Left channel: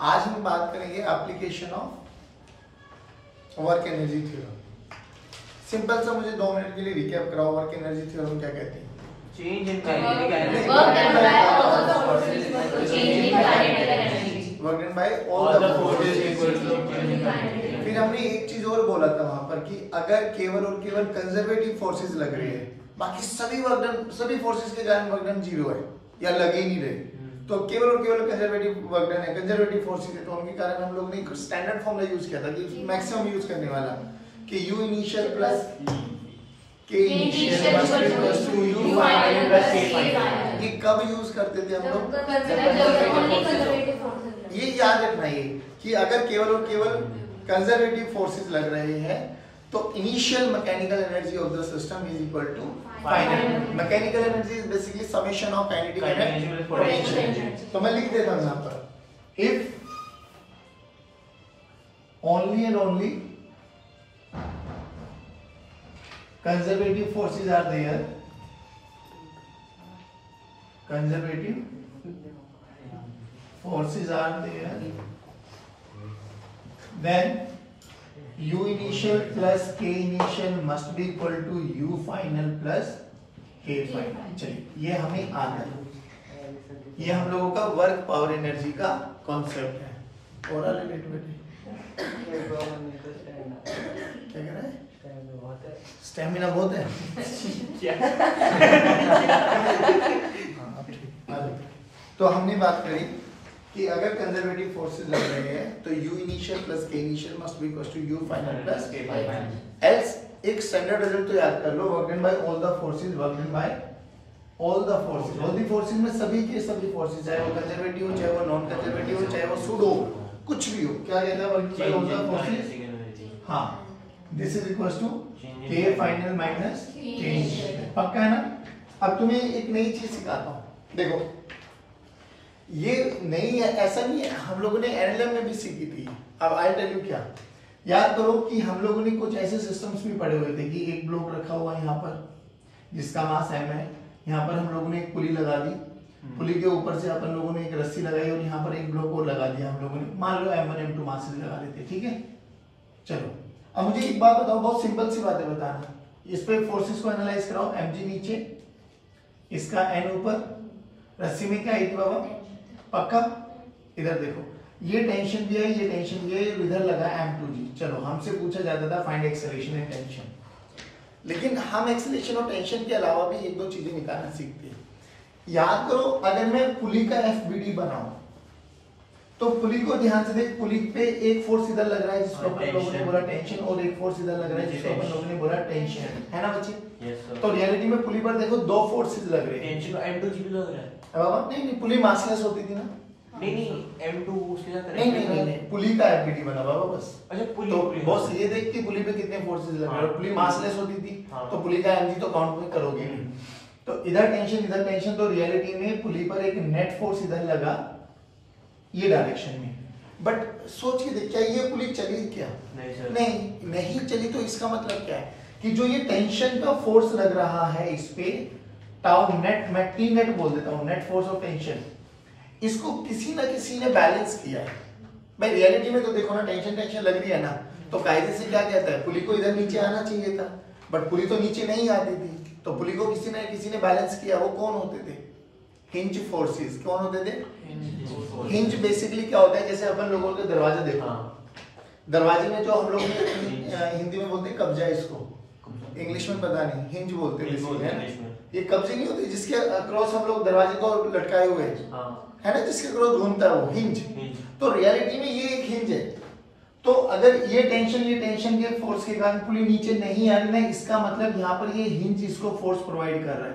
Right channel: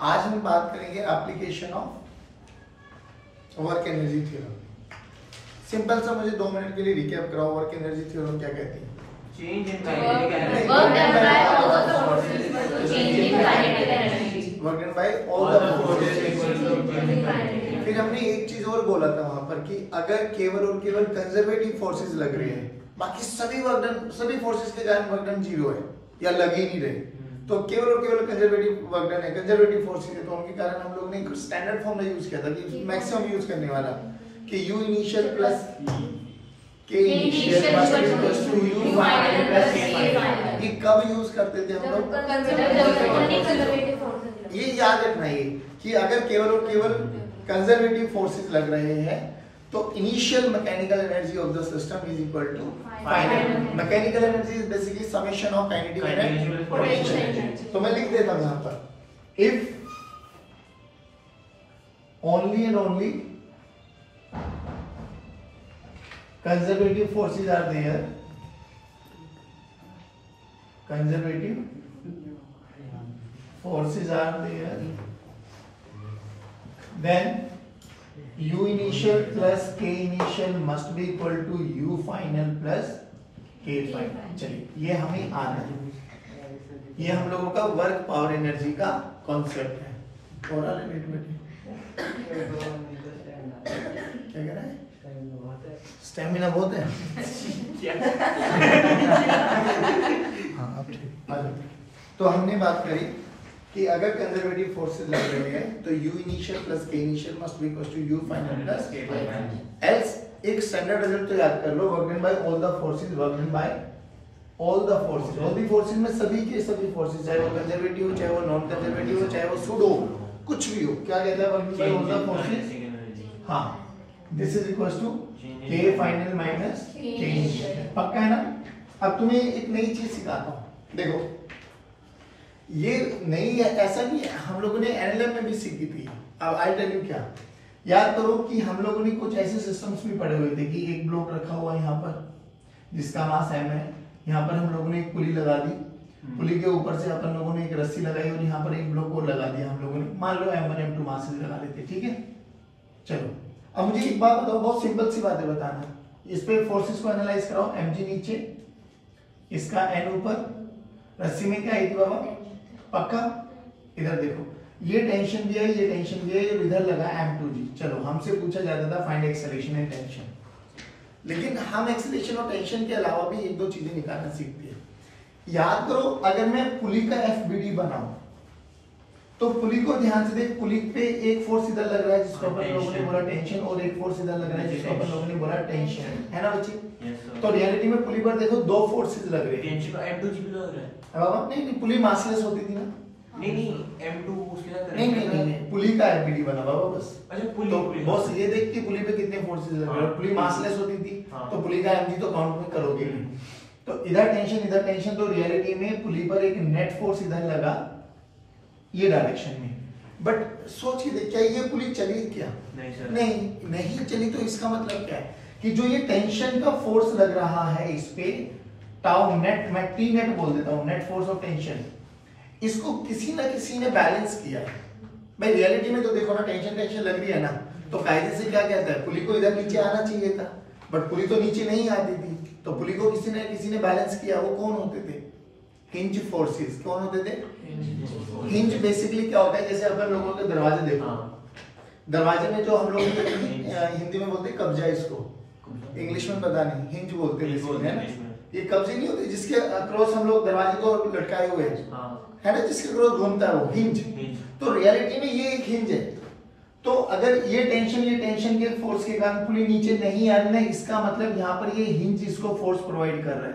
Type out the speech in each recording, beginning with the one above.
आज हम बात करेंगे application of work energy theorem. Simple सा मुझे 2 मिनट के लिए रिकैप कराओ, वर्क एनर्जी थ्योरम क्या कहती है? Change in kinetic energy, work done by all all the the forces फिर हमने एक चीज और बोला था वहां पर कि अगर केवल और केवल कंजर्वेटिव फोर्सेस लग रहे हैं, बाकी सभी वर्क डन, सभी फोर्सेस के कारण वर्क डन 0 है या लग ही नहीं रहे, तो केवल और केवल कंजर्वेटिव वर्क डन है, कंजर्वेटिव फोर्सेस है, तो उनके कारण हम लोग ने स्टैंडर्ड फॉर्मूला यूज किया था कि मैक्सिमम यूज करने वाला कि U initial plus K initial must be equal to U final plus K final. ये कब यूज करते थे हम लोग? ये याद रखना है कि अगर केवल और केवल कंजर्वेटिव फोर्सेस लग रहे हैं तो initial mechanical energy of the system is equal to final. Mechanical energy is basically summation of kinetic energy potential energy. तो मैं लिख देता हूं यहां पर if only and only conservative forces are there, conservative forces are there, then U initial plus K initial must be equal to U final plus K final। चलिए ये हमें आता है, ये हम लोगों का वर्क पावर एनर्जी का कॉन्सेप्ट है। और क्या कह रहा है? स्टेमिना बहुत है। तो हमने बात करी कि अगर कंजर्वेटिव फोर्सेस लग रहे हैं तो U initial plus K initial must be equal to U final plus K final. Else एक स्टैंडर्ड रिजल्ट तो याद कर लो, work done by all the forces, work done by all the forces. All the forces में सभी के सभी forces, चाहे वो कंजर्वेटिव हो, चाहे वो नॉन कंजर्वेटिव हो, चाहे वो सुडो कुछ भी हो, क्या कहता है work done by all the forces. हां, this is equal to K final minus K initial. पक्का है ना? अब तुम्हें एक नई चीज सिखाता हूं, देखो ये नई है ऐसा नहीं है, हम लोगों ने एनएलएम में भी सीखी थी। अब आई टेल यू क्या, याद करो कि हम लोगों ने कुछ ऐसे सिस्टम्स भी पढ़े हुए थे कि एक ब्लॉक रखा हुआ है यहाँ पर जिसका मास m है, यहाँ पर हम लोगों ने एक पुली लगा दी, पुली के ऊपर से अपन लोगों ने एक रस्सी लगाई और यहाँ पर एक ब्लॉक और लगा दिया हम लोगों ने, मान लो m1 m2 मासेस लगा लेते, ठीक है। चलो अब मुझे एक बात बताओ, बहुत सिंपल सी बात है बताना, इस पे फोर्सेस को एनालाइज कराओ। mg नीचे, इसका n ऊपर, रस्सी में क्या आई थी बाबा? पक्का? इधर देखो, ये टेंशन भी है, ये टेंशन भी है, ये इधर लगा m2g। चलो हमसे पूछा जाता था फाइंड एक्सेलरेशन एंड टेंशन, लेकिन हम एक्सेलरेशन और टेंशन के अलावा भी एक दो चीजें निकालना सीखते हैं। याद करो, अगर मैं पुली का FBD बनाऊं तो पुली को ध्यान से देख, पुली पे एक फोर्स इधर लग रहा है जिसको अपन लोगों ने बोला टेंशन, और एक फोर्स इधर लग रहा है जिसको अपन लोगों ने बोला टेंशन, है ना बच्चे? तो रियलिटी में पुली पर देखो दो फोर्सेस लग रहे हैं। टेंशन का m2g भी लग रहा है। अब नहीं, पुली मासलेस होती थी ना। नहीं m2 उसके साथ नहीं, पुली का FBD बना बाबा बस। अच्छा पुली, तो बॉस ये देख कि पुली पे कितने फोर्सेस लग रहे हैं, पुली मासलेस होती थी तो पुली का mg तो काउंट में करोगे नहीं। तो इधर टेंशन, तो रियलिटी में पुली पर एक नेट फोर्स इधर लगा ये डायरेक्शन में, बट सोच के देख, क्या ये पुली चली क्या? नहीं चली। तो इसका मतलब क्या है कि जो ये टेंशन का फोर्स लग रहा है इस पे, टाउ नेट, मैं टी नेट बोल देता हूं, नेट फोर्स ऑफ टेंशन, इसको किसी ना किसी ने बैलेंस किया है। भाई रियलिटी में तो देखो ना, टेंशन लग रही है ना, तो कायदे से क्या कहता है, पुली को इधर नीचे आना चाहिए था, बट पुली तो नीचे नहीं आती थी, तो पुली को किसी ने बैलेंस किया। वो कौन होते थे? Hinge forces. कौन होते थे? हिंज बेसिकली क्या होता है, जैसे अपन लोगों के दरवाजे देखो, दरवाजे में जो हम लोग हिंदी में बोलते हैं कब्जा, इसको इंग्लिश में पता नहीं, हिंज बोलते हैं बेसिकली, है ना? ये कब्जे नहीं होते जिसके अक्रॉस हम लोग दरवाजे को लटकाए हुए है ना, जिसके अक्रॉस घूमता है वो हिंज। तो रियलिटी में ये एक हिंज है। तो अगर ये टेंशन के फोर्स के कारण पुली नीचे नहीं आ रही ना, इसका मतलब यहाँ पर ये हिंज इसको फोर्स प्रोवाइड कर रहा है,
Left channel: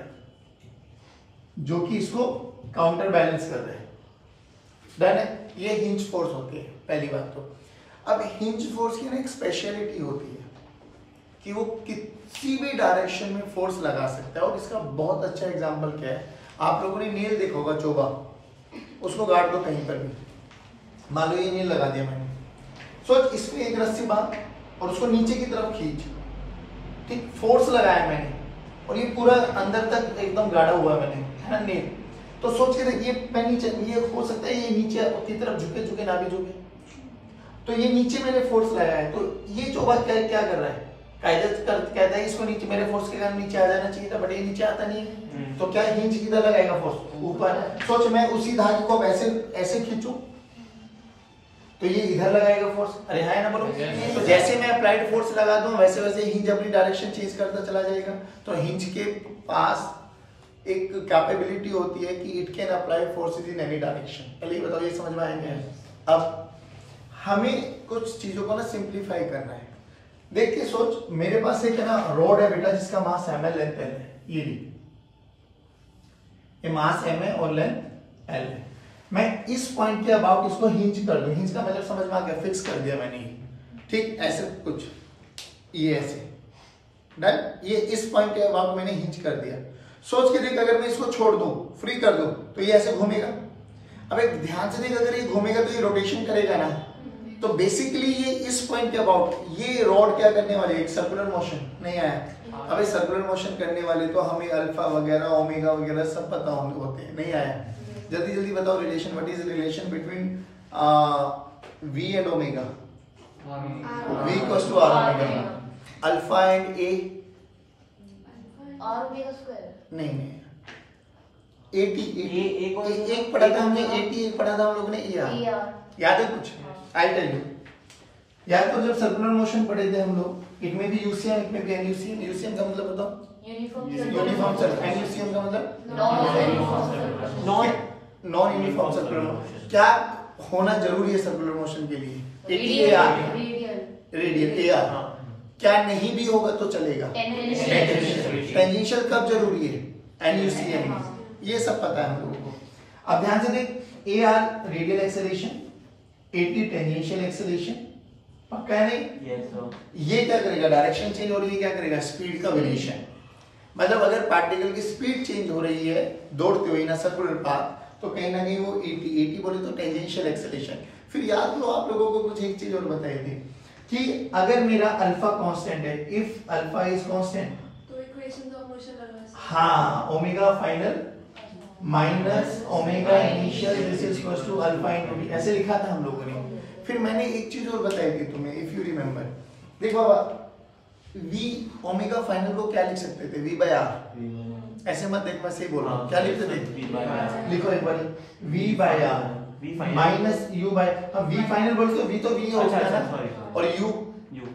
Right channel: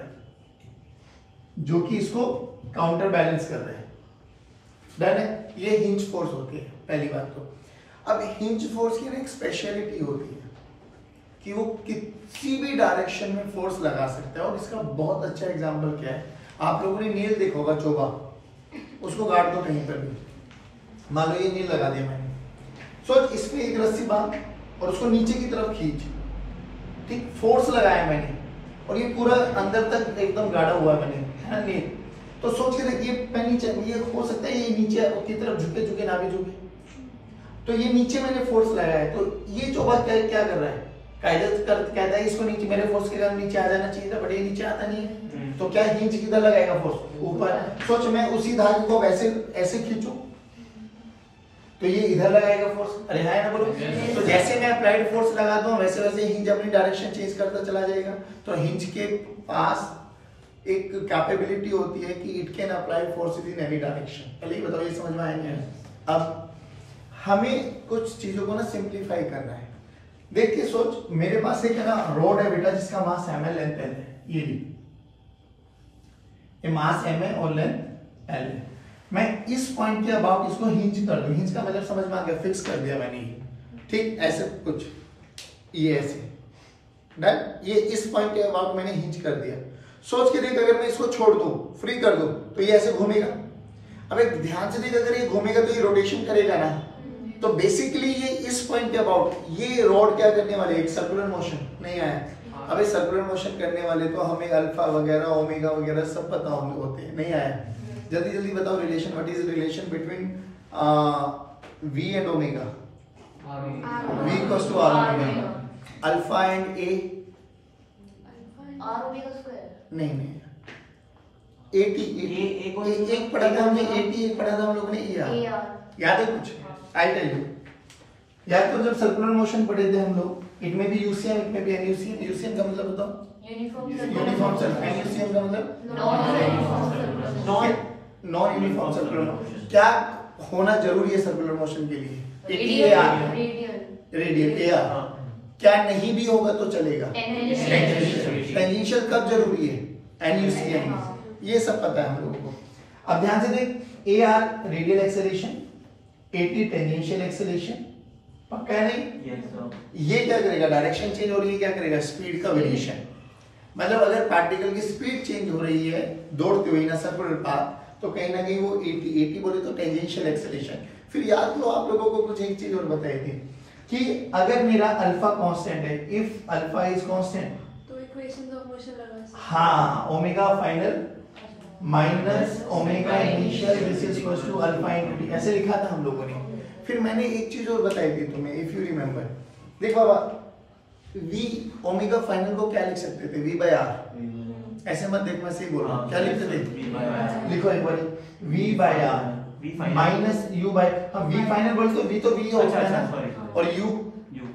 जो कि इसको काउंटर बैलेंस कर रहे हैं। डन है? ये हिंज फोर्स होती है पहली बात तो। अब हिंज फोर्स की ना एक स्पेशलिटी होती है कि वो किसी भी डायरेक्शन में फोर्स लगा सकता है, और इसका बहुत अच्छा एग्जांपल क्या है, आप लोगों ने नेल देखा होगा, चोबा, उसको गाड़ दो कहीं पर भी, मान लो ये नेल लगा दिया मैंने, सोच इसमें एक रस्सी बांध और उसको नीचे की तरफ खींच, ठीक, फोर्स लगाया मैंने और ये पूरा अंदर तक एकदम गाड़ा हुआ मैंने, है ना नेल, तो सोच के देखिए मैं नीचे, ये हो सकता है ये नीचे की तरफ झुके ना भी झुके, तो ये नीचे मैंने फोर्स लगाया है, तो ये जो बात क्या कर रहा है, कहता है इसको नीचे, मेरे फोर्स के कारण नीचे आ जाना चाहिए था, बट ये नीचे आता नहीं है, तो क्या हिंज किधर लगाएगा फोर्स, ऊपर। सोच मैं उसी धागे को वैसे ऐसे खींचूं तो ये इधर लगाएगा फोर्स, अरे है ना बोलो। तो जैसे मैं अप्लाइड फोर्स लगा दूं वैसे वैसे हिंज अपनी डायरेक्शन चेंज करता चला जाएगा। तो हिंज के पास एक कैपेबिलिटी होती है कि it can apply force in any direction. पहले ये बताओ, ये समझ में आएंगे। अब हमें कुछ चीजों को ना सिंप्लीफाई करना है। देखिए सोच, मेरे पास एक है ना रॉड है बेटा, जिसका मास एम एल लेंथ है, ये मास एम है और लेंथ एल है। मैं इस पॉइंट के अबाउट इसको हिंज कर दूं, हिंज का मतलब समझ में आ गया, फिक्स कर दिया मैंने, ठीक ऐसे कुछ, ये ऐसे डन, ये इस पॉइंट के अबाउट मैंने हिंज कर दिया। सोच के देख, अगर मैं इसको छोड़ दूं, फ्री कर दूं, तो ये ऐसे घूमेगा। अब एक ध्यान से देख, अगर ये घूमेगा तो ये रोटेशन करेगा ना, तो बेसिकली ये इस पॉइंट के अबाउट ये रॉड क्या करने वाले, एक सर्कुलर मोशन नहीं आया। अब सर्कुलर मोशन करने वाले तो हमें अल्फा वगैरह ओमेगा वगैरह सब पता होते हैं, नहीं आया। जल्दी जल्दी बताओ relation, what is relation between v and omega, v equals to r omega, alpha and a, r omega square, नहीं at, एक पढ़ा था हमने at, एक पढ़ा था हम लोग ने ar, याद है कुछ? आई टेल यू, याद करो जब सर्कुलर मोशन पढ़े थे हम लोग, इट में भी यूसीएम, इट में भी एनयूसीएम। यूसीएम का मतलब बताओ, यूनिफॉर्म सर्कुलर, एनयूसीएम का मतलब नॉन यूनिफॉर्म सर्कुलर। क्या होना जरूरी है सर्कुलर मोशन के लिए? Radial AR। क्या नहीं भी होगा तो चलेगा? टेंजेंशियल कब जरूरी है? एनयूसीएम में, ये सब पता है हम लोगों को। अब ध्यान से देख, AR radial acceleration, AT tangential acceleration, पक्का है नहीं? ये क्या करेगा, डायरेक्शन चेंज हो रही है, क्या करेगा, स्पीड का वेरिएशन। मतलब अगर पार्टिकल की स्पीड चेंज हो रही है दौड़ते हुए ना सर्कुलर पाथ, तो कहीं ना कहीं वो AT बोले तो टेंजेंशियल एक्सेलरेशन। फिर याद लो, आप लोगों को कुछ एक चीज और बताई थी कि अगर मेरा अल्फा कांस्टेंट है, इफ अल्फा इज कांस्टेंट, तो इक्वेशंस ऑफ मोशन लगा, हाँ, omega final minus omega initial this is equals to alpha into T, ऐसे लिखा था हम लोगों ने। फिर मैंने एक चीज और बताई थी तुम्हें, इफ यू रिमेंबर। देख बाबा, v ओमेगा फाइनल को क्या लिख सकते थे, v बाय r। ऐसे मत देख, मैं सही बोल रहा हूँ, क्या लिखते थे, लिखो एक बार, v by r minus u by, अब v फाइनल बोल तो v तो v होता है ना, और u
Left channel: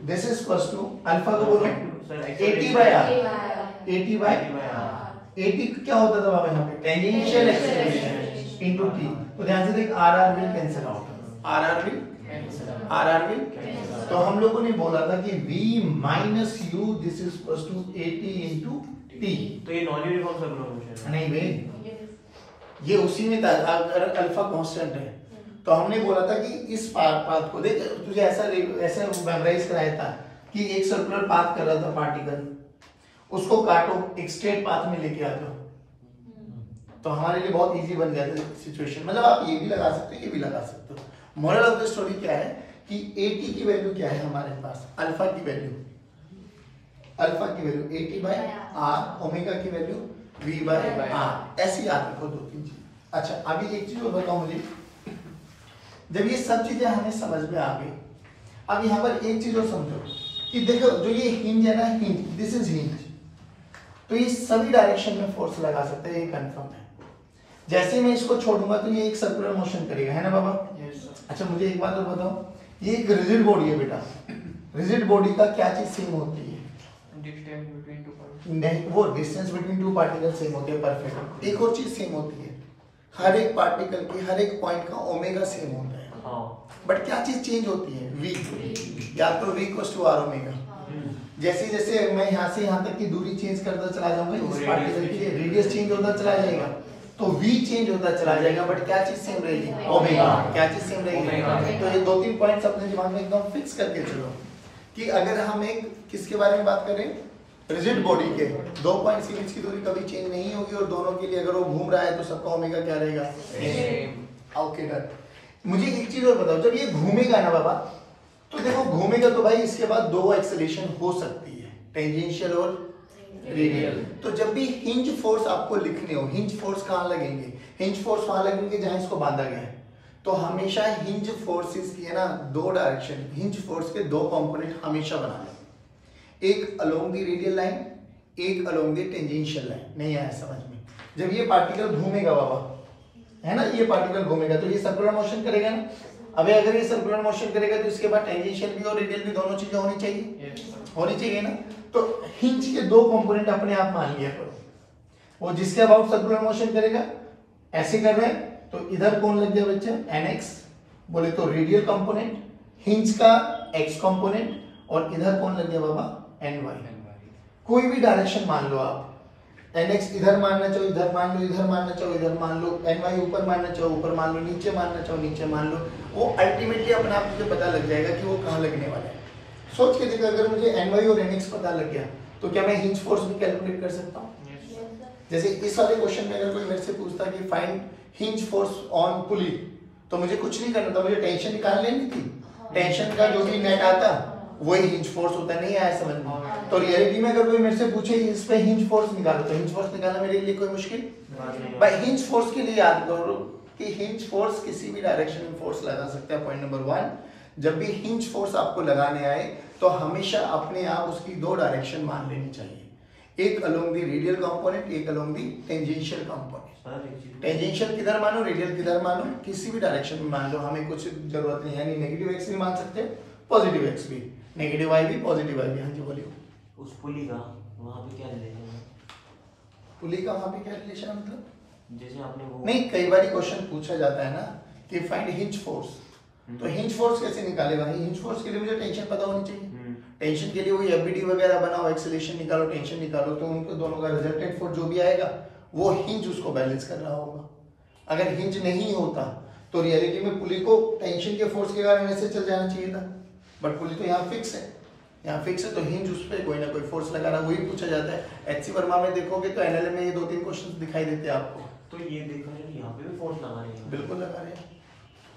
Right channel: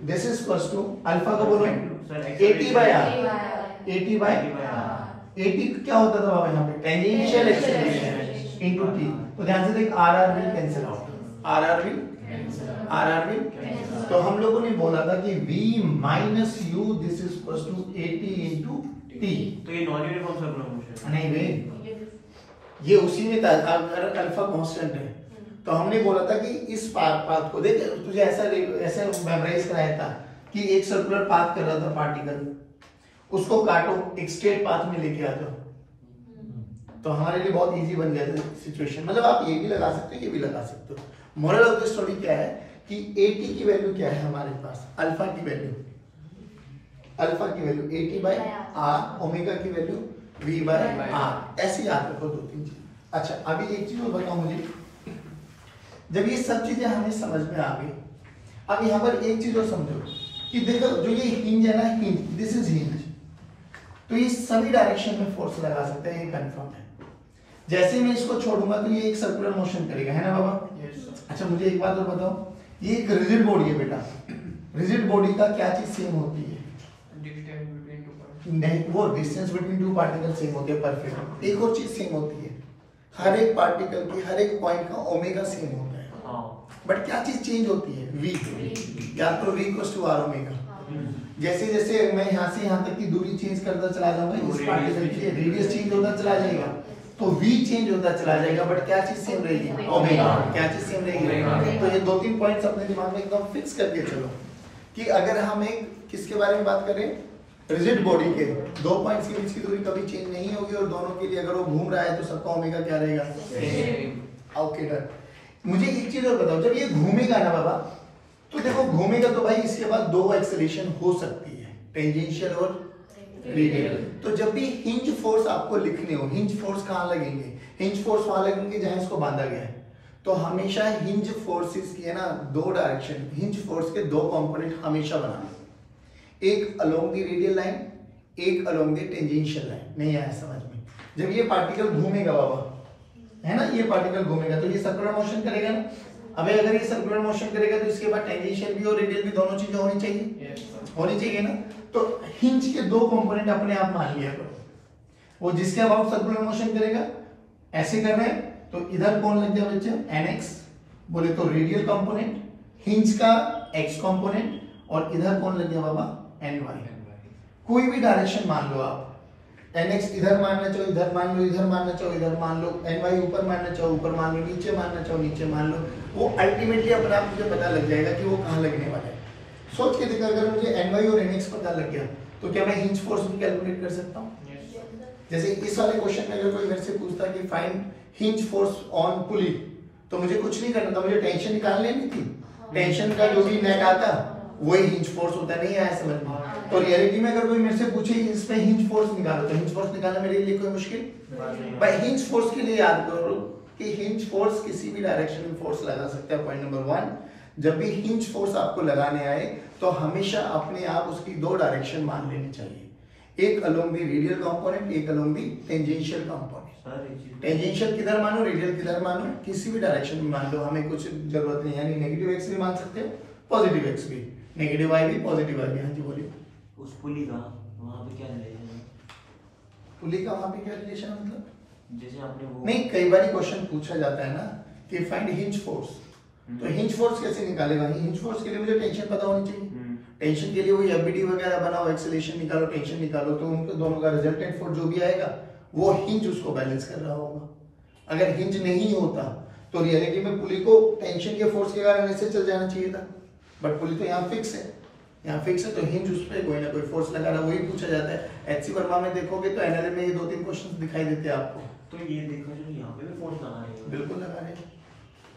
this is equals to alpha को बोलो AT by r, AT by AT क्या होता था बाबा यहाँ पे, टेंजेंशियल एक्सेलरेशन इनटू t। तो ध्यान से देख, r will cancel out, r will, तो हम लोगों ने बोला था कि v minus u this is equals to AT into t। तो ये नॉन यूनिफॉर्म सर्कुलर मोशन नहीं बे, ये उसी में था, अगर अल्फा कांस्टेंट है तो हमने बोला था कि इस पाथ को देख, तुझे ऐसा मेमोराइज कराया था कि एक सर्कुलर पाथ कर रहा था पार्टिकल, उसको काटो, एक स्ट्रेट पाथ में लेके आ जाओ, तो हमारे लिए बहुत इजी बन जाता है सिचुएशन। मतलब आप ये भी लगा सकते हो, ये भी लगा सकते हो। मोरल ऑफ द स्टोरी क्या है कि AT की वैल्यू क्या है हमारे पास, अल्फा की value AT by r, omega की वैल्यू v बाय r, ऐसे याद रखो दो तीन चीज। अच्छा, अभी एक चीज और बताओ मुझे, जब ये सब चीजें हमें समझ में आ गई, अब यहाँ पर एक चीज और समझो कि देखो, जो ये हिंज है ना, हिंज, दिस इज हिंज, तो ये सभी डायरेक्शन में फोर्स लगा सकते हैं, ये कंफर्म है। जैसे मैं इसको छोड़ूंगा तो ये एक सर्कुलर मोशन करेगा, है ना बाबा? अच्छा, मुझे एक बात और बताओ, ये एक रिजिड बॉडी है बेटा, रिजिड बॉडी का क्या चीज सेम होती है? नहीं, वो distance between two particle same होती है, परफेक्ट। एक और चीज सेम होती है, हर एक पार्टिकल की हर एक पॉइंट का ओमेगा सेम होता है, बट क्या चीज चेंज होती है, v, या तो v equals to r omega. जैसे जैसे मैं यहाँ से यहाँ तक की दूरी चेंज करता चला जाऊंगा, इस पार्टिकल की रेडियस चेंज होता चला जाएगा, तो v चेंज होता चला जाएगा, बट क्या चीज सेम रहेगी, ओमेगा। क्या चीज सेम रहेगी? तो ये दो तीन पॉइंट्स अपने दिमाग में एकदम फिक्स करके चलो कि अगर हम एक किसके बारे में बात करें, रिजिड बॉडी के दो पॉइंट्स के बीच की दूरी कभी चेंज नहीं होगी, और दोनों के लिए अगर वो घूम रहा है तो सबका ओमेगा क्या रहेगा, ओके डन। मुझे एक चीज और बताओ, जब ये घूमेगा ना बाबा, तो देखो घूमेगा तो भाई इसके बाद दो एक्सेलरेशन हो सकती है, टेंजेंशियल और रेडियल। तो जब भी हिंज फोर्स आपको लिखने हो, हिंज फोर्स कहाँ लगेंगे, हिंज फोर्स वहां लगेंगे जहां इसको बांधा गया है। तो हमेशा हिंज फोर्सेस की है ना दो डायरेक्शन, हिंज फोर्स के दो कंपोनेंट हमेशा बनाने, एक अलोंग द रेडियल लाइन, एक अलोंग द टेंजेंशियल लाइन। नहीं आया समझ में? जब ये पार्टिकल घूमेगा बाबा, है ना, ये पार्टिकल घूमेगा तो ये सर्कुलर मोशन करेगा ना। अबे अगर ये सर्कुलर मोशन करेगा तो इसके बाद टेंजेंशियल भी और रेडियल भी दोनों चीजें होनी चाहिए, होनी चाहिए ना। तो हिंज के दो कंपोनेंट अपने आप मान लिया करो, वो जिसके अबाउट सर्कुलर मोशन करेगा। ऐसे कर रहे हैं तो इधर कौन लग गया बच्चे, nx, बोले तो रेडियल कंपोनेंट, हिंज का x कंपोनेंट, और इधर कौन लग गया बाबा, ny। कोई भी डायरेक्शन मान लो आप, nx इधर मानना चाहो इधर मान लो, इधर मानना चाहो इधर मान लो, ny ऊपर मानना चाहो ऊपर मान लो, नीचे मानना चाहो नीचे मान लो, वो अल्टीमेटली अपने आप मुझे पता लग जाएगा कि वो कहाँ लगने वाला है। सोच के देखो, अगर मुझे ny और nx पता लग गया तो क्या मैं हिंज फोर्स भी कैलकुलेट कर सकता हूँ? जैसे इस वाले क्वेश्चन में अगर कोई मेरे से पूछता कि फाइंड हिंज फोर्स ऑन पुली, तो मुझे कुछ नहीं करना था, मुझे टेंशन निकाल लेनी थी। टेंशन का जो भी नेट आता वही हिंज फोर्स होता है। नहीं आया समझ में? तो रियलिटी में अगर कोई मेरे से पूछे इस पे हिंज फोर्स निकालो, तो हिंज फोर्स निकालना मेरे लिए कोई मुश्किल? भाई हिंज फोर्स के लिए याद करो कि हिंज फोर्स किसी भी डायरेक्शन में फोर्स लगा सकता है। पॉइंट नंबर 1, जब भी हिंज फोर्स आपको लगाने आए तो हमेशा अपने आप उसकी दो डायरेक्शन मान लेनी चाहिए, एक अलोंग द रेडियल कंपोनेंट, एक along the tangential component. Tangential किधर मानो, रेडियल किधर मानो, किसी भी डायरेक्शन में मान लो, हमें कुछ जरूरत नहीं है। यानी नेगेटिव एक्स भी मान सकते हैं, पॉजिटिव एक्स भी, नेगेटिव वाई भी पॉजिटिव वाई भी। हाँ जी बोलिए। उस पुली का वहां पे क्या रिलेशन है? पुली का वहां पे क्या रिलेशन मतलब? जैसे आपने वो नहीं, कई बार क्वेश्चन पूछा जाता है ना कि फाइंड हिंज फोर्स, तो हिंज फोर्स कैसे निकालेगा? हिंज फोर्स के लिए मुझे टेंशन पता होनी चाहिए। टेंशन के लिए वो एफबीडी वगैरह बनाओ, एक्सेलरेशन निकालो, टेंशन निकालो, तो उनके दोनों का रिजल्टेंट फोर्स जो भी आएगा वो हिंज उसको बैलेंस कर रहा होगा। अगर हिंज नहीं होता तो रियलिटी में पुली को टेंशन के फोर्स के कारण ऐसे चल जाना चाहिए था, बट पुली तो यहाँ फिक्स है, यहाँ फिक्स है, तो हिंज उस पर कोई ना कोई फोर्स लगा रहा, वही पूछा जाता है। एचसी वर्मा में देखोगे तो एनएलएम में ये 2-3 क्वेश्चन दिखाई देते हैं आपको। तो ये देखो यहाँ पे भी फोर्स लगा रहे हैं। बिल्कुल लगा रहे हैं।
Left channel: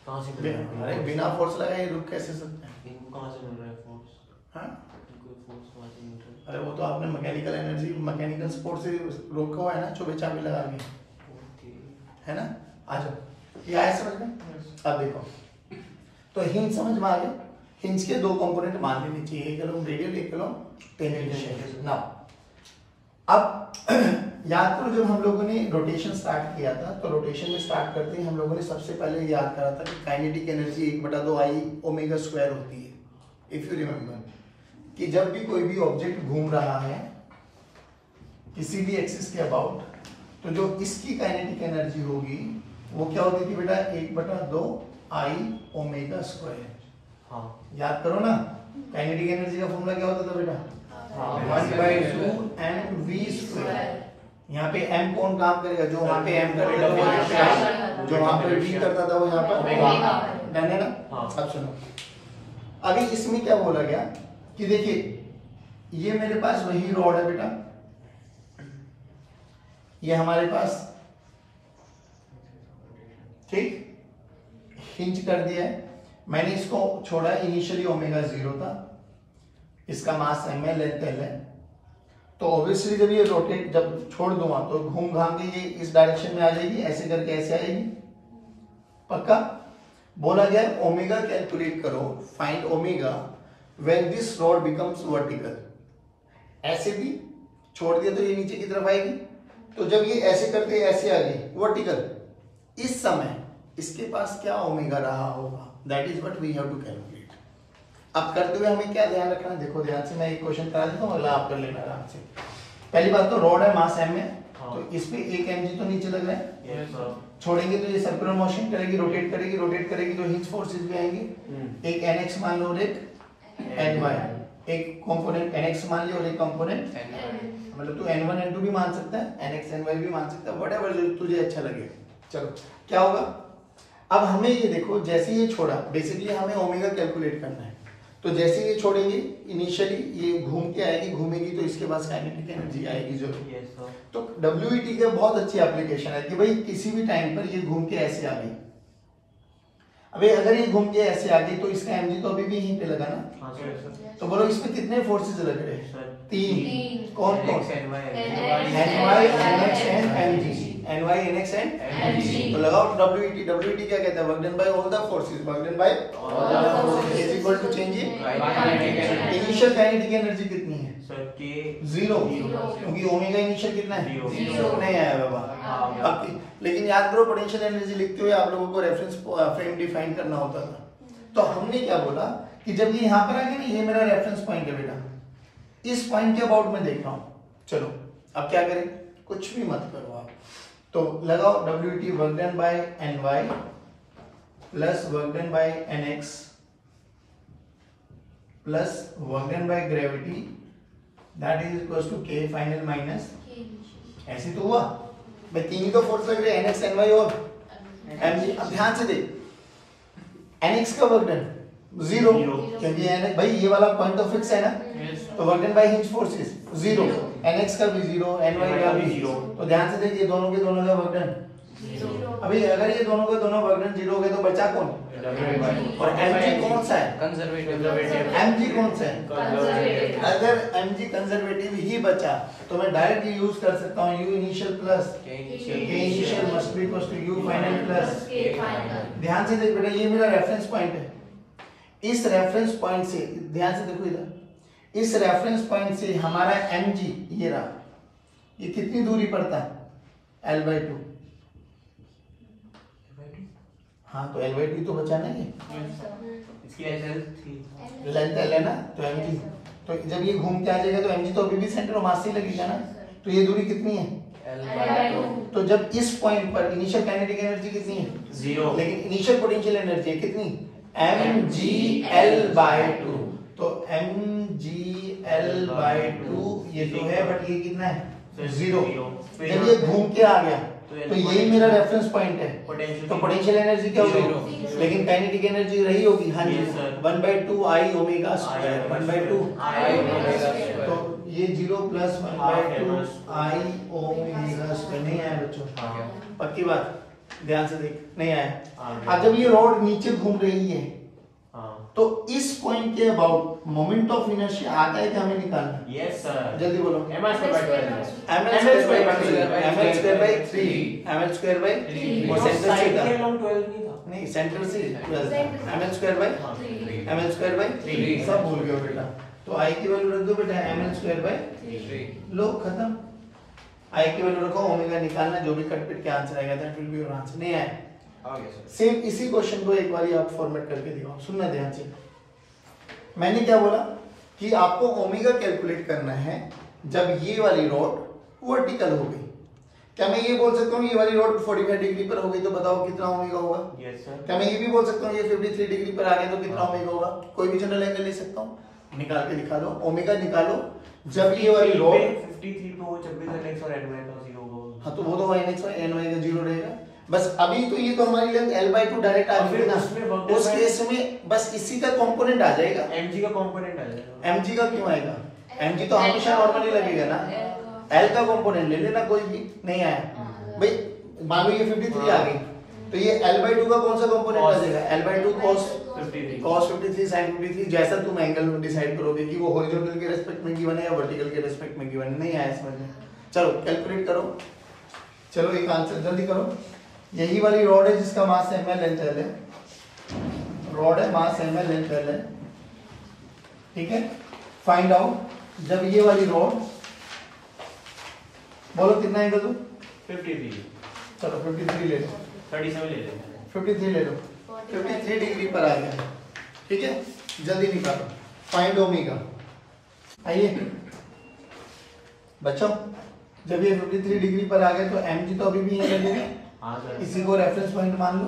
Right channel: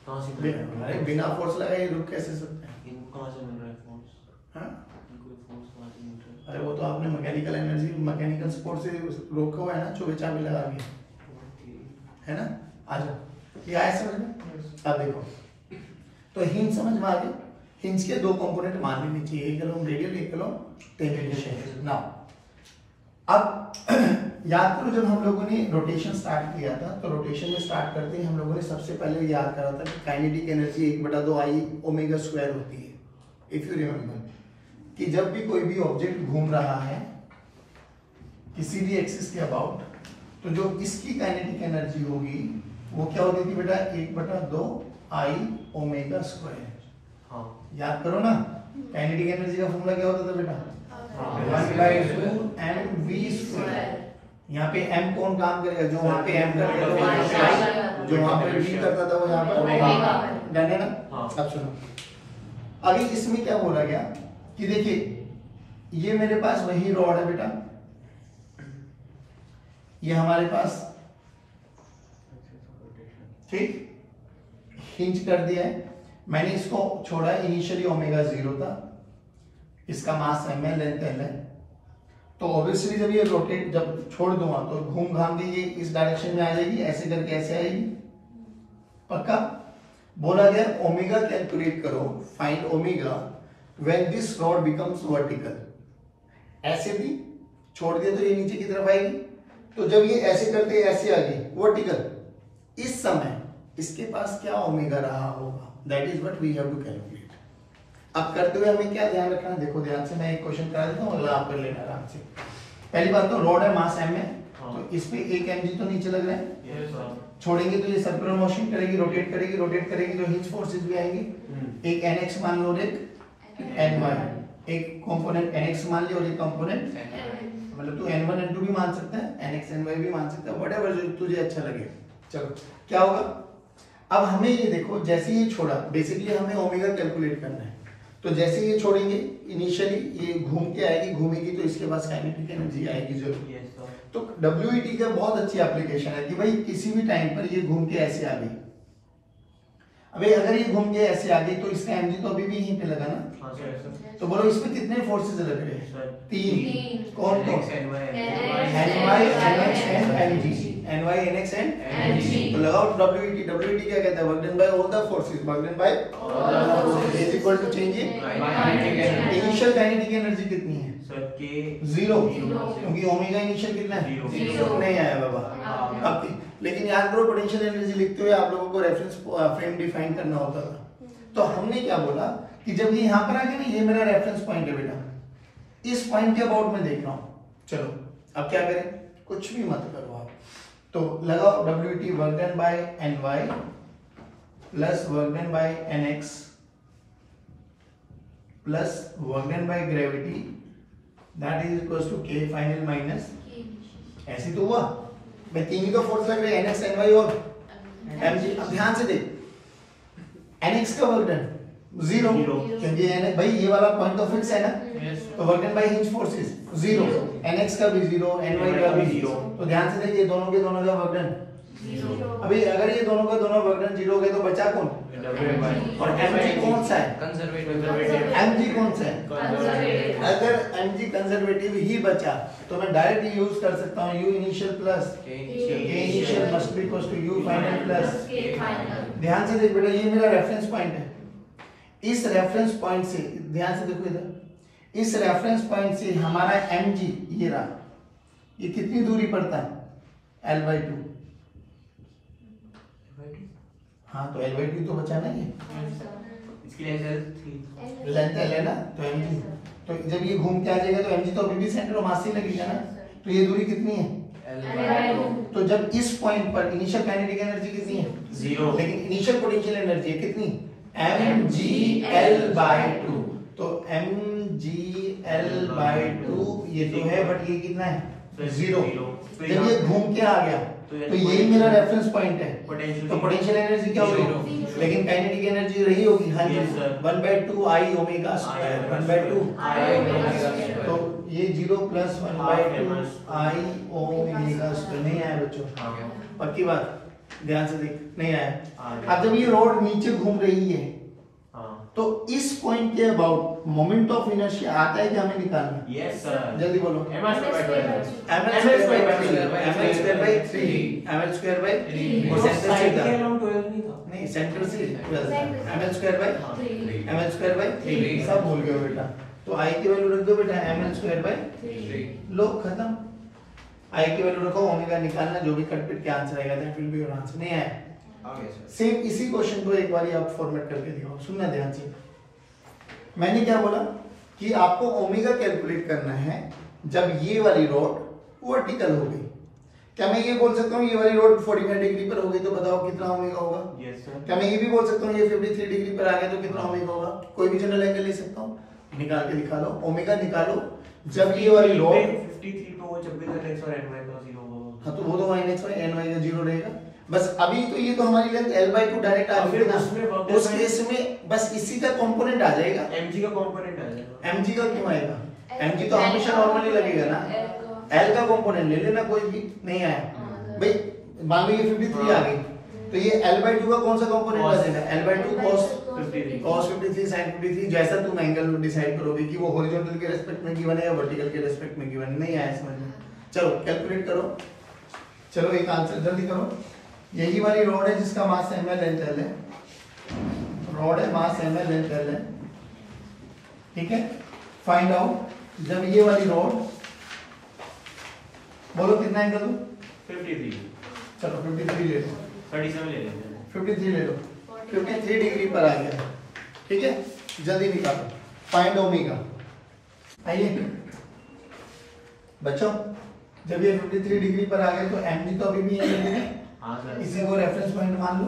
कहाँ से मिल रहा है? बिना फोर्स लगाए रुक कैसे सकते हैं? इनको कहाँ से मिल रहा है फोर्स? हाँ, इनको फोर्स कहाँ से मिल रहा है? अरे वो तो आपने मैकेनिकल एनर्जी, मैकेनिकल स्पोर्ट से रोका हुआ है ना, चुभे चाबी लगा के, है ना। आ जाओ, ये आया समझ में? अब देखो, तो हिंज समझ में आ गए। हिंज के दो कंपोनेंट मान लेने चाहिए, एक अलोंग रेडियल, एक अलोंग टेंजेंशियल। नाउ अब याद करो, जब हम लोगों ने रोटेशन स्टार्ट किया था तो रोटेशन में स्टार्ट करते ही हम लोगों ने सबसे पहले याद करा था कि kinetic energy 1/2 I omega square होती है। इफ यू रिमेम्बर कि जब भी कोई भी ऑब्जेक्ट घूम रहा है किसी भी एक्सिस के अबाउट, तो जो इसकी काइनेटिक एनर्जी होगी वो क्या होती थी बेटा, 1/2 I ओमेगा स्क्वायर। हाँ, याद करो ना, काइनेटिक एनर्जी का फॉर्मूला क्या होता था बेटा, 1/2 mv स्क्वायर। यहाँ पे m कौन काम करेगा, जो वहाँ पे m करता था वो यहाँ पे I, जो वहाँ पे v करता था वो यहाँ पर डन है ना। अब सुनो, अभी इसमें क्या बोला गया कि देखिए ये मेरे पास वही रॉड है बेटा, ये हमारे पास, ठीक, हिंज कर दिया है, मैंने इसको छोड़ा, इनिशियली ओमेगा 0 था, इसका मास m है, लेंथ l है, तो ऑब्वियसली जब ये रोटेट, जब छोड़ दूंगा तो घूम घाम के ये इस डायरेक्शन में आ जाएगी, ऐसे करके ऐसे आएगी, पक्का। बोला गया ओमेगा कैलकुलेट करो, find omega when this rod becomes vertical. ऐसे भी छोड़ दिया तो ये नीचे की तरफ आएगी, तो जब ये ऐसे करते ऐसे आएगी वर्टिकल, इस समय इसके पास क्या ओमेगा रहा होगा, that is what we have to calculate. अब करते हुए हमें क्या ध्यान रखना है, देखो ध्यान से, मैं एक क्वेश्चन करा देता हूँ, अगला आप कर लेना आराम से। पहली बात तो रॉड है, मास m है, तो इसमें एक mg तो नीचे लग रहा है, छोड़ेंगे तो ये सर्कुलर मोशन करेगी, रोटेट करेगी, रोटेट करेगी तो हिंज फोर्सेस भी आएंगे। एक nx मान लो और एक ny, एक कंपोनेंट nx मान लिया और एक कंपोनेंट, मतलब तू n1 n2 भी मान सकता है, nx ny भी मान सकता है, व्हाटएवर जो तुझे अच्छा लगे। चलो क्या होगा, अब हमें ये देखो, जैसे ये छोड़ा, बेसिकली हमें ओमेगा कैलकुलेट करना है, तो जैसे ये छोड़ेंगे इनिशियली ये घूम के आएगी, घूमेगी तो इसके पास काइनेटिक एनर्जी आएगी जरूर। तो WET का बहुत अच्छी एप्लीकेशन है कि भाई किसी भी टाइम पर ये घूम के ऐसे आ गई, अबे अगर ये घूम के ऐसे आ गई तो इसका mg तो अभी भी यहीं पे लगा ना, तो बोलो इसमें कितने फोर्सेस लग रहे हैं, 3। कौन कौन, ny, nx and mg। ny nx and mg। तो लगाओ wet wet क्या कहता है work done by all the forces work done by is equal to change in initial kinetic energy कितनी है सर के 0 क्योंकि ओमेगा इनिशियल कितना है Zero। नहीं आया बाबा बाकी लेकिन याद करो पोटेंशियल एनर्जी लिखते हुए आप लोगों को रेफरेंस फ्रेम डिफाइन करना होता था तो हमने क्या बोला कि जब ये यहाँ पर आ गया ना ये मेरा रेफरेंस पॉइंट है बेटा इस पॉइंट के अबाउट में देख रहा हूँ चलो अब क्या करें कुछ भी मत करो आप तो लगाओ wt work done by ny plus work done by nx plus work done by gravity that is equal to k final minus ऐसे तो हुआ भाई तीन ही तो फोर्स लग रहे nx ny और mg अब ध्यान से देख nx का वर्क डन 0 क्योंकि भाई ये वाला पॉइंट तो फिक्स है ना तो work done by his forces 0 nx का भी 0 ny का भी 0 तो ध्यान से देखिए दोनों के दोनों का वर्क डन अभी अगर ये दोनों का दोनों वर्क डन 0 हो गए तो बचा कौन और mg कौन सा है mg कौन सा है अगर mg कंजर्वेटिव ही बचा तो मैं डायरेक्टली यूज कर सकता हूं u initial plus k initial must be equal to u final plus ध्यान से देख बेटा ये मेरा रेफरेंस पॉइंट है इस रेफरेंस पॉइंट से ध्यान से देखो इधर इस रेफरेंस पॉइंट से हमारा mg ये रहा ये कितनी दूरी पड़ता है l/2 हाँ तो l/2 तो बचा ना ये इसकी लेंथ l है ना तो mg तो जब ये घूम के आ जाएगा तो mg तो अभी भी सेंटर ऑफ मास से लगेगा ना तो ये दूरी कितनी है तो जब इस पॉइंट पर इनिशियल काइनेटिक एनर्जी कितनी है 0 लेकिन इनिशियल पोटेंशियल एनर्जी है कितनी mgl/2 तो mgl/2 ये तो है बट ये कितना है 0 जब ये घूम के आ गया तो यही मेरा रेफरेंस पॉइंट है तो पोटेंशियल एनर्जी क्या होगी लेकिन काइनेटिक एनर्जी रही होगी हाँ जी 1/2 I ओमेगा स्क्वायर 1/2 तो ये 0 प्लस 1/2 I ओमेगा स्क्वायर नहीं आया बच्चों पक्की बात ध्यान से देख नहीं आया अब जब ये रॉड नीचे घूम रही है तो इस पॉइंट के अबाउट मोमेंट ऑफ इनर्शिया आता है कि हमें निकालना है यस सर जल्दी बोलो ml ml by 3 वो सेंटर से था नहीं सेंटर से ml by 3 सब भूल गए बेटा तो I की वैल्यू रख दो बेटा ml by 3 लो खत्म I की वैल्यू रखो ओमेगा निकालना जो भी कट पिट के आंसर आएगा that will be your answer नहीं आया सेम इसी क्वेश्चन को एक बार आप फॉर्मेट करके दिखाओ सुनना ध्यान से मैंने क्या बोला कि आपको ओमेगा कैलकुलेट करना है जब ये वाली रॉड वर्टिकल हो गई क्या मैं ये बोल सकता हूँ ये वाली रॉड 45 डिग्री पर हो गई तो बताओ कितना ओमेगा होगा यस सर क्या मैं ये भी बोल सकता हूँ ये 53 डिग्री पर आ गया तो कितना ओमेगा होगा कोई भी जनरल एंगल ले सकता हूँ निकाल के दिखा लो ओमेगा निकालो जब ये वाली रॉड 53 तो 26 और ny का 0 हाँ तो वो तो nx y ny का 0 रहेगा बस अभी तो ये तो हमारी लेंथ l/2 डायरेक्ट आ रही है ना उस केस में बस इसी का कंपोनेंट आ जाएगा mg का कंपोनेंट आ जाएगा mg का क्यों आएगा mg तो हमेशा नॉर्मली लगेगा ना l का कंपोनेंट ले लेना कोई भी नहीं आया भाई मान लो ये 53 आ गई तो ये l/2 का कौन सा कंपोनेंट आ जाएगा l/2 cos 53 sin 53 जैसा तुम एंगल डिसाइड करोगे कि वो हॉरिजॉन्टल के रिस्पेक्ट में गिवन है या वर्टिकल के रिस्पेक्ट में गिवन नहीं आया समझ में चलो कैलकुलेट करो चलो एक आंसर जल्दी करो यही वाली रॉड है जिसका मास ml लेंथ l है रॉड है मास ml लेंथ l है ठीक है फाइंड आउट जब ये वाली रॉड बोलो कितना एंगल दो 53 चलो 53 ले लो 37 ले लेंगे 53 ले लो 53 डिग्री पर आ गया है ठीक है जल्दी निकालो फाइंड ओमेगा आइए बच्चों जब ये 53 डिग्री पर आ गए तो mg तो अभी भी यहीं लगेगा हां सर इसी को रेफरेंस पॉइंट मान लो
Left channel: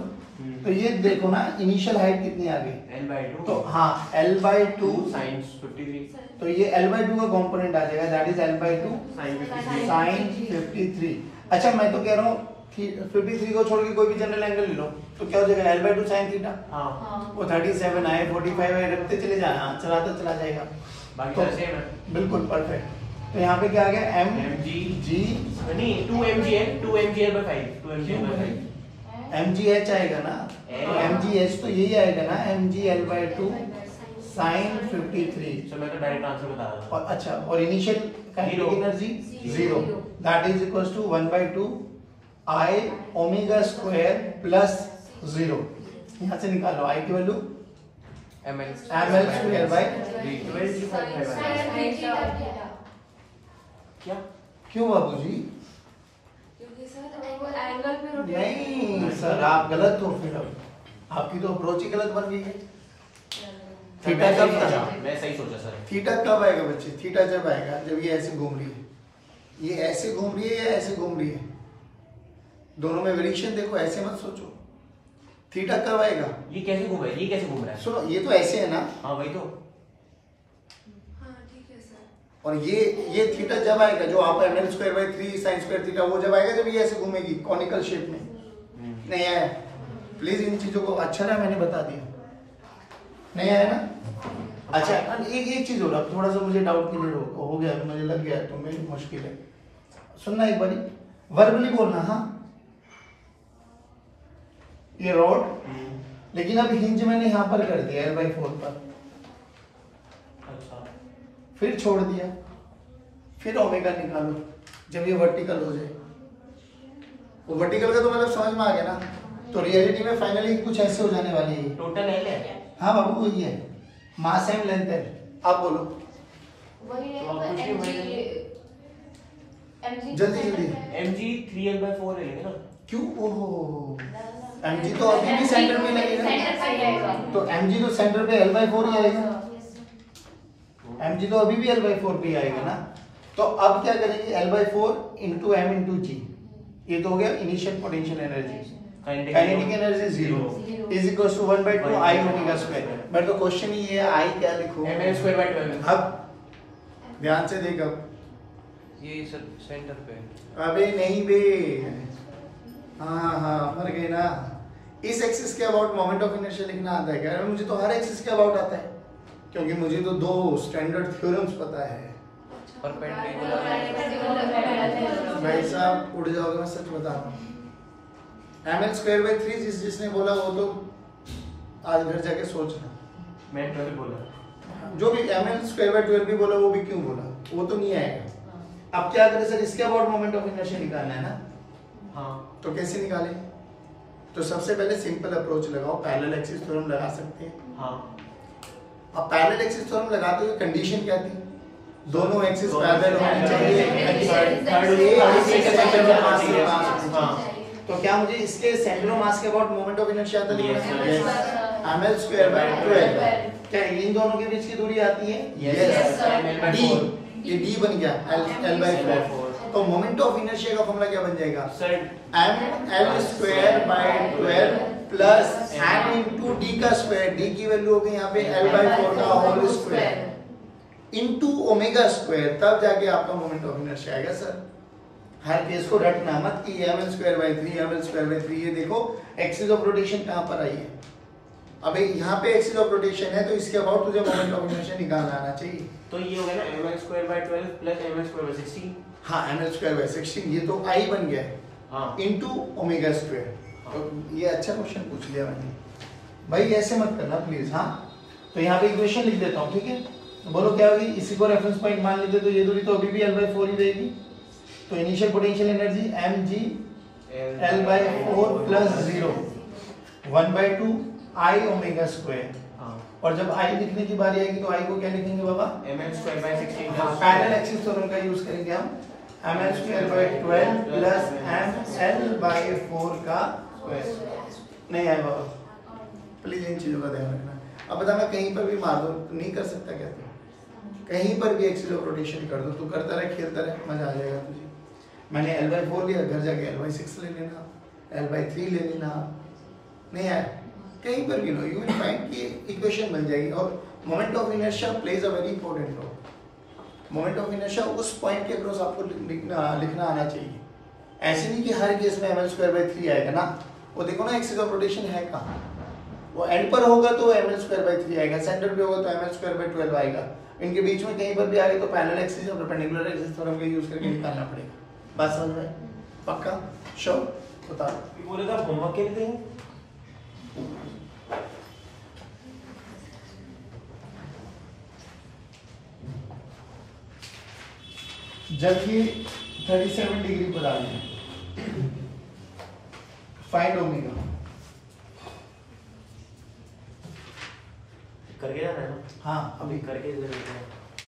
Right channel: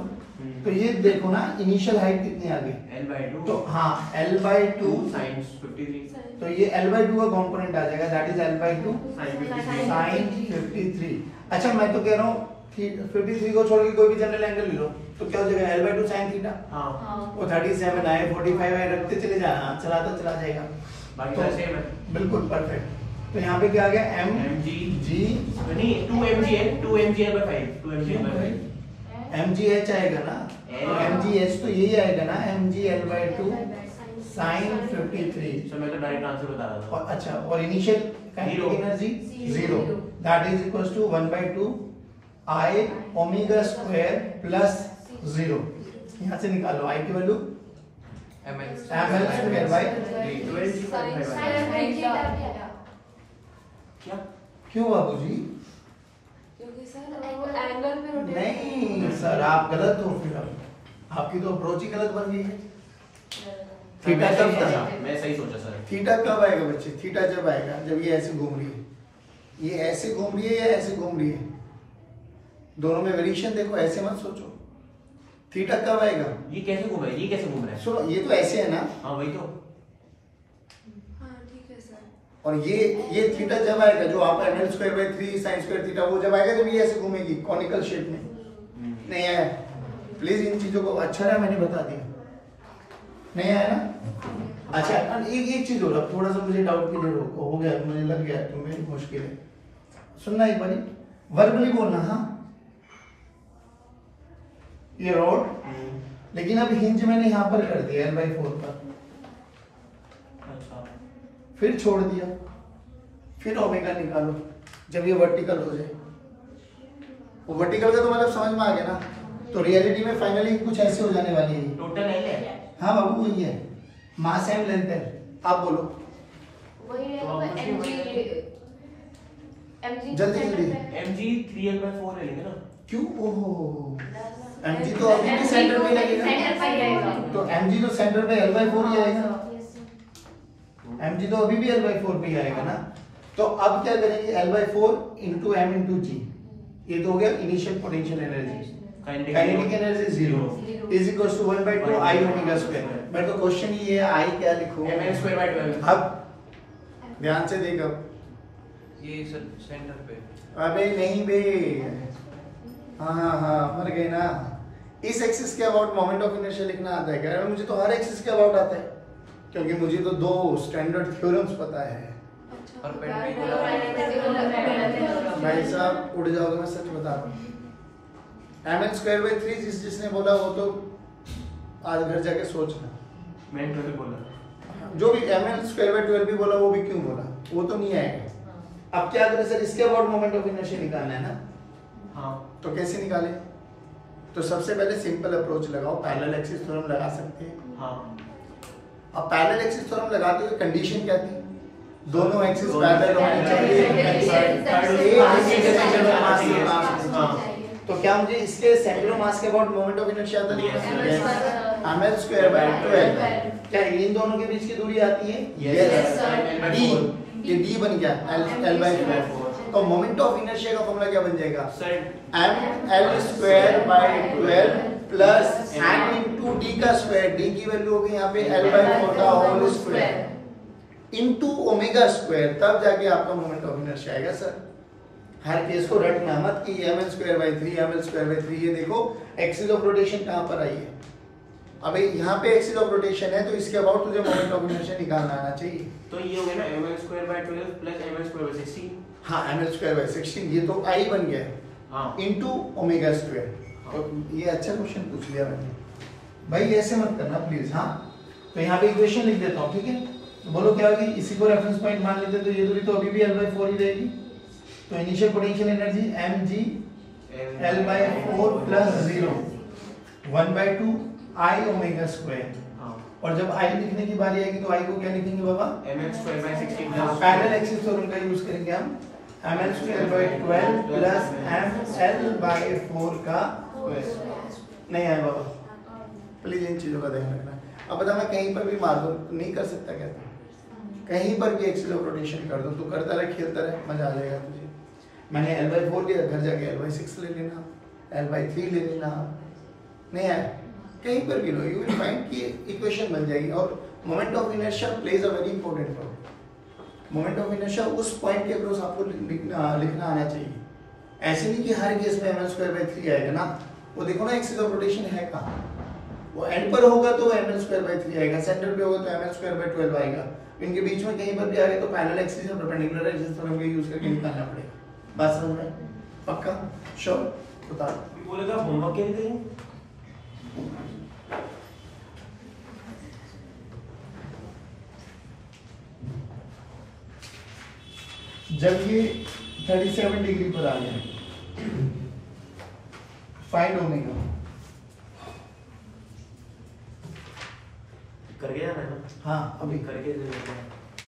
तो ये देखो ना इनिशियल हाइट कितनी आ गई l/2 तो हाँ l/2 sin 53 तो ये l/2 का कंपोनेंट आ जाएगा दैट इज l/2 sin 53 अच्छा मैं तो कह रहा हूँ 53 को छोड़ के कोई भी जनरल एंगल ले लो तो क्या हो जाएगा l/2 sin थीटा हां वो 37 आए 45 आए रखते चले जाना चलाता चला जाएगा बाकी तो सेम है बिल्कुल परफेक्ट तो यहाँ पे क्या आ गया m g नहीं 2mg है 2mg/5 mgh आएगा ना तो mgh तो यही आएगा ना mgl/2 sin 53 चलो मैं तो डायरेक्ट आंसर बता दूं और अच्छा और initial kinetic energy 0 that is equals to 1/2 I omega square plus 0, यहाँ से निकालो आई की वैल्यू ml स्क्वायर बाई क्या क्यों बाबूजी? क्योंकि सर एंगल पे रोटेट नहीं सर, आप गलत हो फिर, अब आपकी तो अप्रोच ही गलत बन गई है। थीटा कब था? मैं सही सोचा सर। थीटा कब आएगा बच्चे? थीटा जब आएगा जब ये ऐसे घूम रही है, ये ऐसे घूम रही है या ऐसे घूम रही है, दोनों में वेरिएशन देखो, ऐसे मत सोचो। थीटा कब आएगा? ये कैसे घूम रहा है? ये कैसे घूम रहा है? सुनो, ये तो ऐसे है ना, हाँ वही तो। हाँ ठीक है सर। और ये थीटा जब आएगा, जो आपका ml square by 3 sin square theta, वो जब आएगा जब ये ऐसे घूमेगी कॉनिकल शेप में। नहीं आया? प्लीज इन चीजों को अच्छा रहा मैंने बता दिया, नहीं आया ना? अच्छा, एक चीज हो रहा, थोड़ा सा मुझे डाउट क्लियर हो गया, मुझे लग गया तुम्हें मुश्किल है। सुनना एक बारी, वर्बली बोलना। हाँ, ये रोड, लेकिन अब हिंज मैंने यहाँ पर कर दिया L/4 पर, अच्छा फिर छोड़ दिया, फिर ओमेगा निकालो जब ये वर्टिकल हो जाए। वो वर्टिकल का तो मतलब समझ में आ गया ना? तो रियलिटी में फाइनली कुछ ऐसे हो जाने वाली है। टोटल एल है। हाँ बाबू, वही है, मास एम लेंथ है। आप बोलो वही जल्दी जल्दी। mg 3l/4 ले लेंगे ना। क्यों? ओहो, mg तो अभी भी सेंटर में लगेगा, तो mg तो सेंटर पे L/4 ही आएगा, mg तो अभी भी L/4 पे ही आएगा ना। तो अब क्या करेंगे, L/4 इंटू m इंटू जी, ये तो हो गया initial potential energy. Kinetic energy 0 is equal to 1/2 I omega square. मेरे तो क्वेश्चन ही है, आई क्या लिखूं? ml square by 12। अब ध्यान से देख, अब ये सेंटर पे। अबे नहीं बे, हाँ मर गए ना। इस एक्सिस के अबाउट मोमेंट ऑफ इनर्शिया लिखना आता है क्या? अरे मुझे तो हर एक्सिस के अबाउट आता है, क्योंकि मुझे तो 2 स्टैंडर्ड थ्योरम्स पता है। भाई साहब उड़ जाओगे, मैं सच बता रहा हूँ। ml स्क्वायर बाई 3 जिसने बोला वो तो आज घर जाके सोचना। मैं 12 बोला। जो भी ml स्क्वायर बाई 12 भी बोला, वो भी क्यों बोला, वो तो नहीं आएगा। अब क्या करें सर, इसके अबाउट मोमेंट ऑफ इनर्शिया निकालना है ना। हाँ तो कैसे निकालें? तो सबसे पहले सिंपल अप्रोच लगाओ, पैरेलल एक्सिस थ्योरम लगा सकते हैं। हाँ। अब पैरेलल एक्सिस थ्योरम लगाते हुए कंडीशन क्या थी? दोनों एक्सिस पैरेलल होने चाहिए, सेंटर ऑफ मास के पास होने चाहिए। तो क्या मुझे इसके सेंटर ऑफ मास के अबाउट मोमेंट ऑफ इनर्शिया आता लिखना? ml square by 12। क्या इन दोनों के बीच की दूरी आती है? यस। d, ये d बन गया L/4। तो मोमेंट ऑफ इनर्शिया का फॉर्मूला क्या बन जाएगा? ml square by 12 plus m into d का स्क्वायर, d की वैल्यू होगी यहाँ पे L/4 का whole square into omega square, तब जाके आपका मोमेंट ऑफ इनर्शिया आएगा। सर हर केस को रटना मत कि ml square by 3 ml square by 3। ये देखो एक्सिस ऑफ रोटेशन कहाँ पर आई है? अबे यहाँ पे एक्सिस ऑफ रोटेशन है, तो इसके अबाउट तुझे मोमेंट ऑफ इनर्शिया निकालना आना चाहिए। तो ये हो गया ना ml square by 12 plus ml square bye 16। हाँ, ml स्क्वायर बाय 16, ये तो आई बन गया है। हाँ इनटू ओमेगा स्क्वायर। तो ये अच्छा क्वेश्चन पूछ लिया मैंने भाई, ऐसे मत करना प्लीज। हाँ, तो यहाँ पे इक्वेशन लिख देता हूँ, ठीक है? तो बोलो क्या होगी, इसी को रेफरेंस पॉइंट मान लेते, तो ये दूरी तो अभी भी L/4 ही रहेगी। तो initial potential energy mg L/4 plus 0 1/2 I omega square. और जब आई लिखने की बारी आएगी तो आई को क्या लिखेंगे बाबा? ml square bye 16। हाँ, पैरेलल एक्सिस थ्योरम का यूज करेंगे हम। ml square by 12 plus ml/4 का नहीं आएगा बाबा, प्लीज इन चीजों का ध्यान रखना। अब बता, मैं कहीं पर भी मार दूं तो नहीं कर सकता क्या? कहीं पर भी एक्सिस ऑफ रोटेशन कर दो, तू करता रहे, खेलता रहे, मजा आ जाएगा तुझे। मैंने L/4 लिया, घर जाके L/6 ले लेना, L/3 ले लेना, नहीं आया कहीं पर भी लो, यू विल फाइंड कि इक्वेशन बन जाएगी। और moment of inertia plays a very important role. Moment of inertia उस पॉइंट के अक्रॉस आपको लिखना आना चाहिए। ऐसे नहीं कि हर केस में ml स्क्वायर बाय 3 आएगा ना। वो देखो ना एक्सिस ऑफ रोटेशन है कहाँ, वो एंड पर होगा तो ml स्क्वायर बाय 3 आएगा, सेंटर पे होगा तो ml स्क्वायर बाय 12 आएगा। इनके बीच में कहीं पर भी आ गए तो पैरेलल एक्सिस और परपेंडिकुलर एक्सिस थ्योरम का यूज करके निकालना पड़ेगा। बात समझ में? पक्का? श्योर? बता दो। पूरे का होमवर्क क्या देते हैं? जब ये 37 डिग्री पर आ जाए फाइंड ओमेगा। करके जाना है ना? हाँ अभी करके जाना है।